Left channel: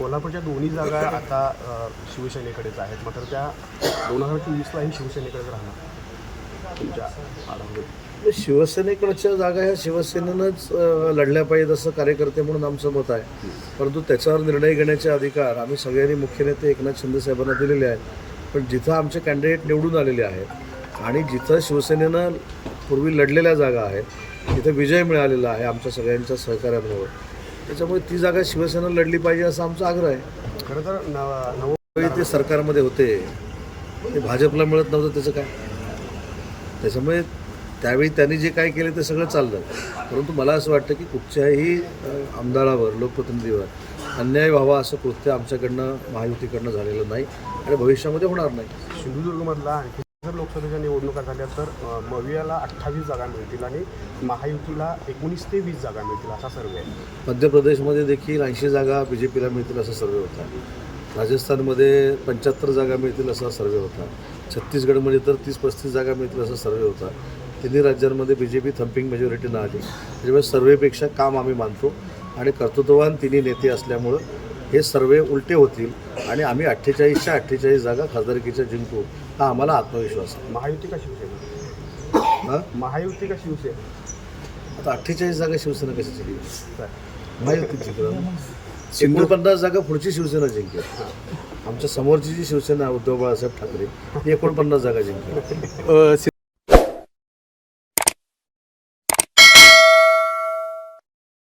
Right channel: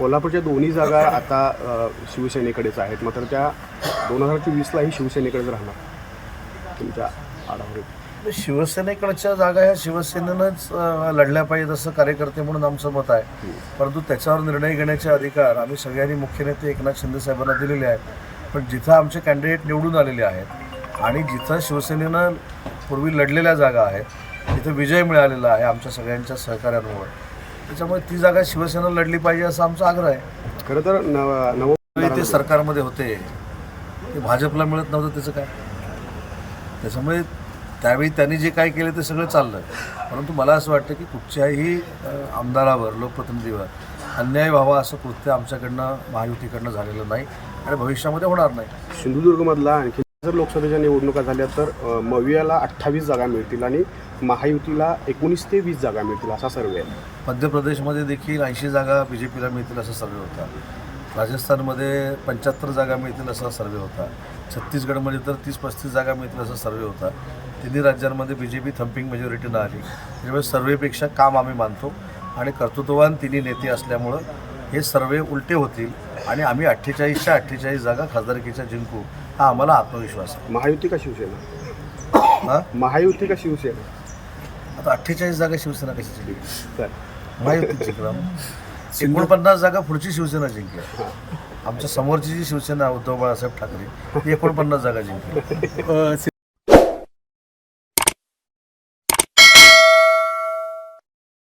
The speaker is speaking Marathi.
कोल्हापूरच्या दोन्ही जागा आता शिवसेनेकडेच आहेत, मात्र त्या 2024लाही शिवसेनेकडेच राहणार तुमच्या आढाव्यात. शिवसेनेकडच्या जागा ह्या शिवसेनेनंच लढल्या पाहिजेत असं कार्यकर्ते म्हणून आमचं मत आहे. परंतु त्याच्यावर निर्णय घेण्याचे अधिकार आम्ही सगळ्यांनी मुख्य नेते एकनाथ शिंदे साहेबांना दिलेले आहेत. पण जिथं आमचे कॅन्डिडेट निवडून आलेले आहेत आणि जिथं शिवसेनेनं पूर्वी लढलेल्या जागा आहेत तिथं विजय मिळालेला आहे आमच्या सगळ्यांच्या सहकार्यांमुळे, त्याच्यामुळे ती जागा शिवसेना लढली पाहिजे असा आमचा आग्रह आहे. खरं तर त्यावेळी ते सरकारमध्ये होते, ते भाजपला मिळत नव्हतं त्याचं काय. त्याच्यामुळे त्यावेळी त्यांनी जे काय केलं ते सगळं चाललं. परंतु मला असं वाटतं की कुठच्याही आमदारावर लोकप्रतिनिधीवर अन्याय व्हावा असं कृत्य आमच्याकडनं महायुतीकडनं झालेलं नाही आणि भविष्यामध्ये होणार नाही. सिंधुदुर्गमधला आणखी जर लोकसभेच्या निवडणुका झाल्या तर मवियाला 28 जागा मिळतील आणि महायुतीला 19 ते 20 जागा मिळतील असा सर्वे आहे. मध्य प्रदेशमध्ये देखील 80 जागा BJPला मिळतील असा सर्वे होता. राजस्थानमध्ये 75 जागा मिळतील असा सर्वे होता. छत्तीसगडमध्ये तर 30-35 जागा मिळतील असा सर्वे होता. तिन्ही राज्यांमध्ये BJP थम्पिंग मेजॉरिटीनं आली. त्याच्यामुळे सर्वेपेक्षा काम आम्ही मानतो आणि कर्तृत्ववान तिन्ही नेते असल्यामुळं हे सर्वे उलटे होतील आणि आम्ही 48च्या 48 जागा खासदारकीच्या जिंकू हा आम्हाला आत्मविश्वास आहे. महायुती का शिवसेना? हां, महायुती का शिवसेना? आता 48 जागा शिवसेना कशी जिंकली? तर महायुतीच जिंकणार. 49 जागा पुढची शिवसेना जिंकेल. आमच्या समोरची जी शिवसेना उद्धव बाळासाहेब ठाकरे ती 49 जागा जिंकेल.